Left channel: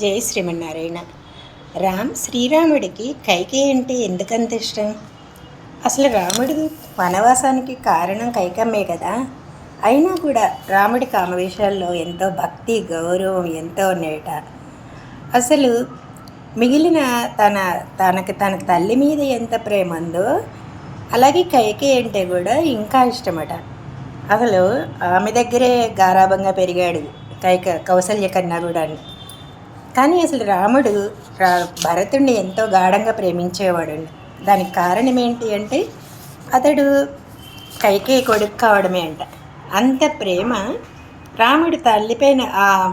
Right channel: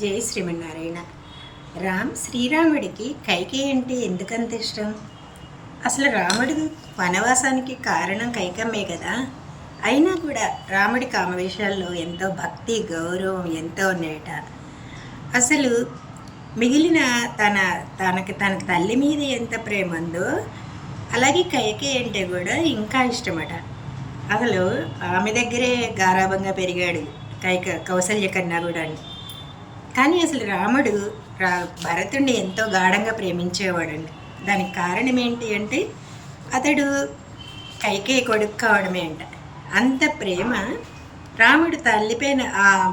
జై శ్రీమన్నారాయణ. రామ్ శ్రీరాముడికి కైకే అంటే ఎందుకంత ఇష్టం? అసలు రాముడు వనవాసానికి కారణం కైకమ్మే కదా. అయినా కూడా రాముడి కామవేశాల్లో ఎంతో భక్తి గౌరవం ఎంతో ఉన్నాయట అసలు మిగిలిన తన తనకి తనకి తల్లి మీద ఎంత ప్రేమ ఉందో అలాగే కైకే అంటే కూడా ఇంకా ఇష్టమట. అసలు ఆమె దగ్గరే గారాభంగా పెరిగాడు కైక కౌసల్య కన్నా కూడా కానీ అసలు రాముడు రా భరతుడిని ఎంతో గాఢంగా ప్రేమించేవాడండి. దానికి కారణం ఏంటి అంటే అతడు కైకే కొడుకు కావడమే అంట. అంత ప్రేమ రాముడు తల్లిపైన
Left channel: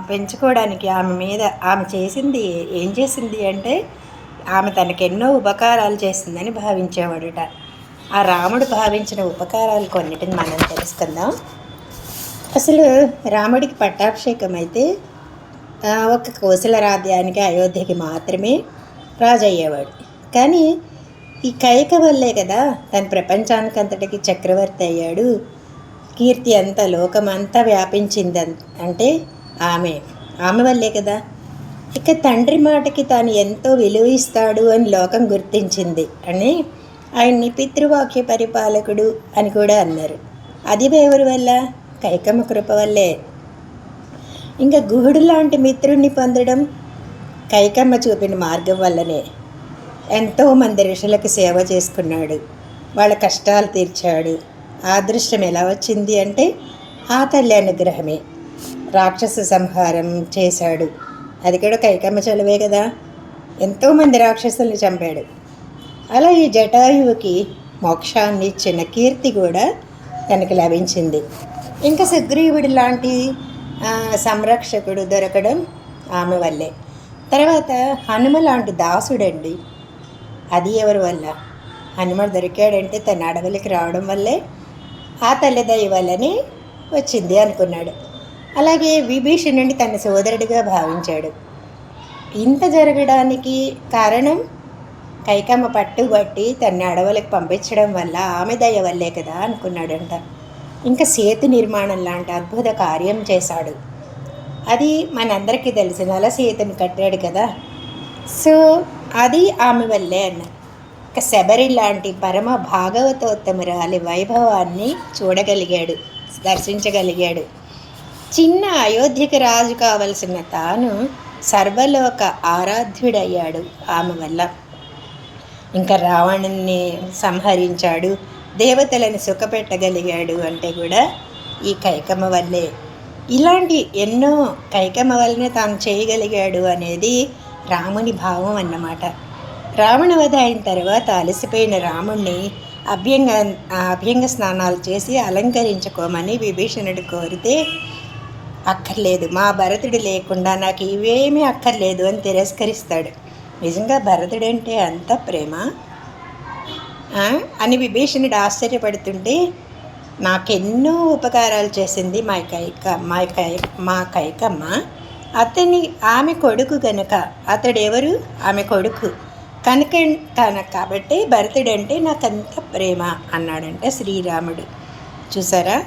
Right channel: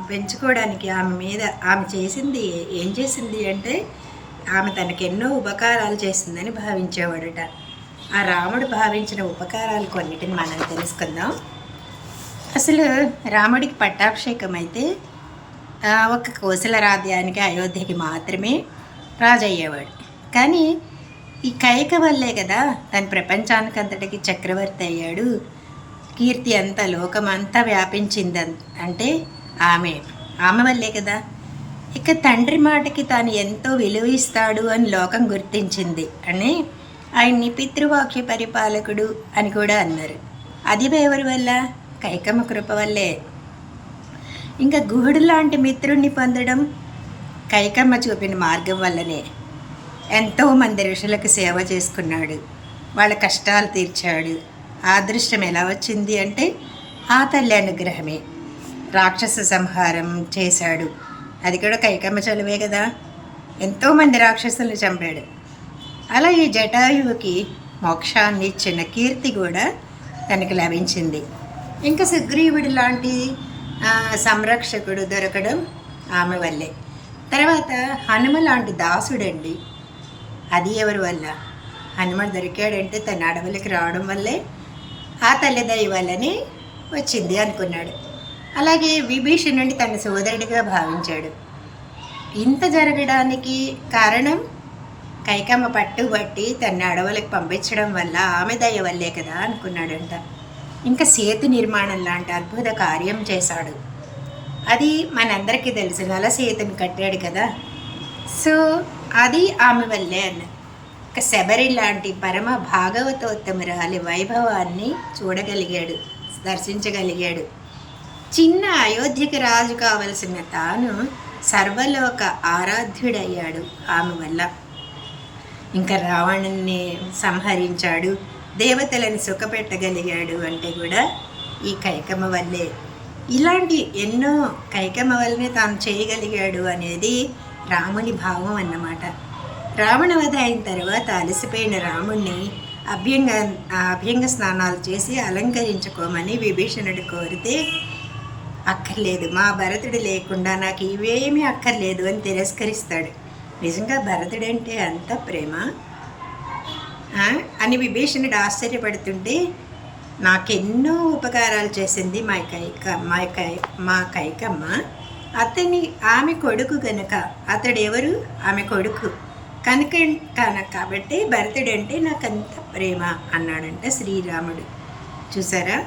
పెంచుకోవడానికి ఆమె మీద ఆమె చేసింది ఏం చేసింది అంటే ఆమె తనకెన్నో ఉపకారాలు చేసిందని భావించేవాడట. ఆ రాముడు భావించిన ఉపకారాలు కొన్నిటిని మనం తెలుసుకుందాం. అసలు రాముడికి పట్టాభిషేకం అయితే ఒక కోసల రాజ్యానికి అయోధ్యకి మాత్రమే రాజు అయ్యేవాడు కానీ ఈ కైక వల్లే కదా తన ప్రపంచానికి అంతటికి చక్రవర్తి అయ్యాడు. కీర్తి అంతా లోకమంతా వ్యాపించింది అంటే ఆమె. ఆమె వల్లే కదా. ఇక తండ్రి మాటకి తాను ఎంతో విలువ ఇస్తాడు అని లోకం గుర్తించింది అని ఆయన్ని పితృవాక్య పరిపాలకుడు అని కూడా అన్నారు. అది ఎవరి వల్ల? కైకమ్మ కృప వల్లే. ఇంకా గుహుడు లాంటి మిత్రుణ్ణి పొందడం కైకమ్మ చూపిన మార్గం వల్లనే ఎంతోమంది ఋషులకు సేవ చేసుకున్నాడు. వాళ్ళ కష్టాలు తీర్చాడు. ఆ అదృష్టం ఎలా వచ్చింది అంటే ఆ తల్లి అనుగ్రహమే. రాక్షస సంహారం చేశాడు. అది కూడా కైకమ్మ చలువే కదా. ఎంతోమంది రాక్షసుల్ని చంపాడు. అలా ఈ జటాయువుకి మోక్షాన్ని ఇచ్చిన కీర్తి కూడా తనకి లభించింది. ఇంకా సుగ్రీవుడి లాంటి సంరక్షకుడు దొరకడం ఆమె వల్లే. తర్వాత హనుమ లాంటి దాసుడండి. అది ఎవరి వల్ల? హనుమ దొరికాడంటే తన అడవులకి రావడం వల్లే ఆ తల్లిదయ్య వల్లనే వచ్చింది అనుకున్నాడు. అలాగే విభీషణుడిని తన సోదరుడిగా భావించాడు. ఇంత జరగడానికి కారణం? కైకమ్మ పట్టుబట్టి తన అడవులకు పంపించడం వల్ల ఆమె దయ వల్లే కదా అనుకున్నాడంట. ఇంకా సేతు నిర్మాణం లాంటి అద్భుత కార్యం చేశాడు. అది మనందరికీ తెలిసిన అలా సేతుని కట్టాడు కదా. సో అది ఆమె వల్లే అన్న. ఇక శబరి లాంటి పరమ భాగవతోత్తమురాలి వైభవాన్ని చూడగలిగాడు దర్శించగలిగాడు. చిన్న అయోధ్యకి రాజు కావలసిన తాను సర్వలోక ఆరాధ్యుడయ్యాడు ఆమె వల్ల. ఇంకా రావణుని సంహరించాడు దేవతలను సుఖపెట్టగలిగాడు అంటే కూడా ఈ కైకమ్మ వల్లే. ఇలాంటి ఎన్నో కైకమ్మ వల్లనే తాను చేయగలిగాడు అనేది రాముని భావం అన్నమాట. రావణ వధ అయిన తర్వాత అలసిపోయిన రాముణ్ణి అభ్యంగ అభ్యంగ స్నానాలు చేసి అలంకరించుకోమని విభీషణుడు కోరితే అక్కర్లేదు మా భరతుడు లేకుండా నాకు ఇవేమీ అక్కర్లేదు అని తిరస్కరిస్తాడు. నిజంగా భరతుడంటే అంత ప్రేమ? అని విభీషణుడు ఆశ్చర్యపడుతుంటే నాకెన్నో ఉపకారాలు చేసింది మా కైక మా కై మా కైకమ్మ. అతని ఆమె కొడుకు గనక అతడు ఎవరు ఆమె కొడుకు. కనుక కనుక కాబట్టి భరతుడంటే నాకంత ప్రేమ అన్నాడంట శ్రీరాముడు. చూసారా?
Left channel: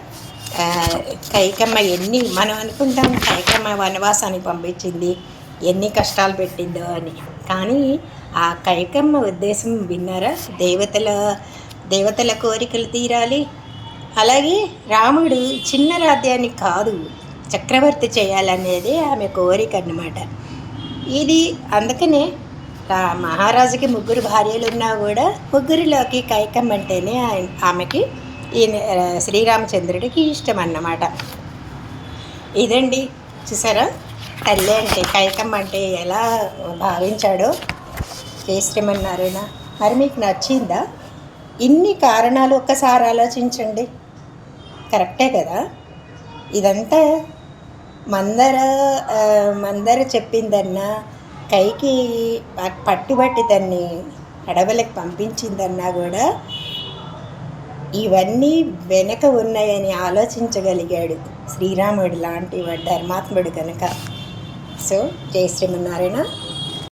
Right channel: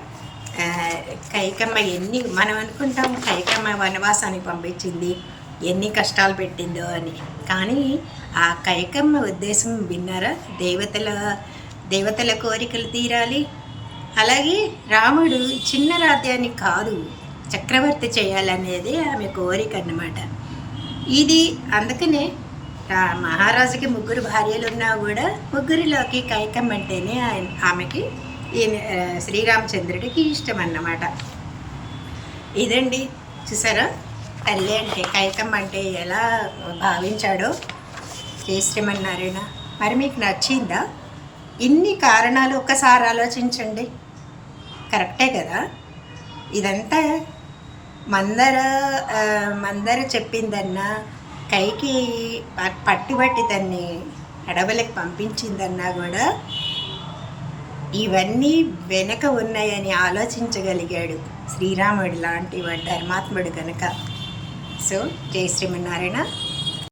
కైకమ్మ ఎన్ని మనం అనుకుంటాం కైకమ్మ వనవాసానికి పంపించింది ఎన్ని కష్టాలు పెట్టిందో అని. కానీ ఆ కైకమ్మ ఉద్దేశం విన్నారా? దేవతల దేవతల కోరికలు తీరాలి. అలాగే రాముడు చిన్న రాజ్యాన్ని కాదు చక్రవర్తి చేయాలనేది ఆమె కోరిక అన్నమాట. ఇది అందుకనే రా మహారాజుకి ముగ్గురు భార్యలు ఉన్నా కూడా ముగ్గురిలోకి కైకమ్మ అంటేనే ఆమెకి ఈ శ్రీరామచంద్రుడికి ఇష్టం అన్నమాట. ఇదండి. చూసారా? తల్లి అంటే కైకమ్మ అంటే ఎలా భావించాడో జై శ్రీమన్నారాయణ మరి మీకు నచ్చిందా? ఇన్ని కారణాలు ఒక్కసారి ఆలోచించండి. కరెక్టే కదా? ఇదంతా మందర మందర చెప్పిందన్నా కైకి పట్టుబట్టి దాన్ని అడవులకు పంపించిందన్నా కూడా ఇవన్నీ వెనక ఉన్నాయని ఆలోచించగలిగాడు శ్రీరాముడు లాంటి వాడు ధర్మాత్ముడు కనుక సో జయ శ్రీమన్నారాయణ.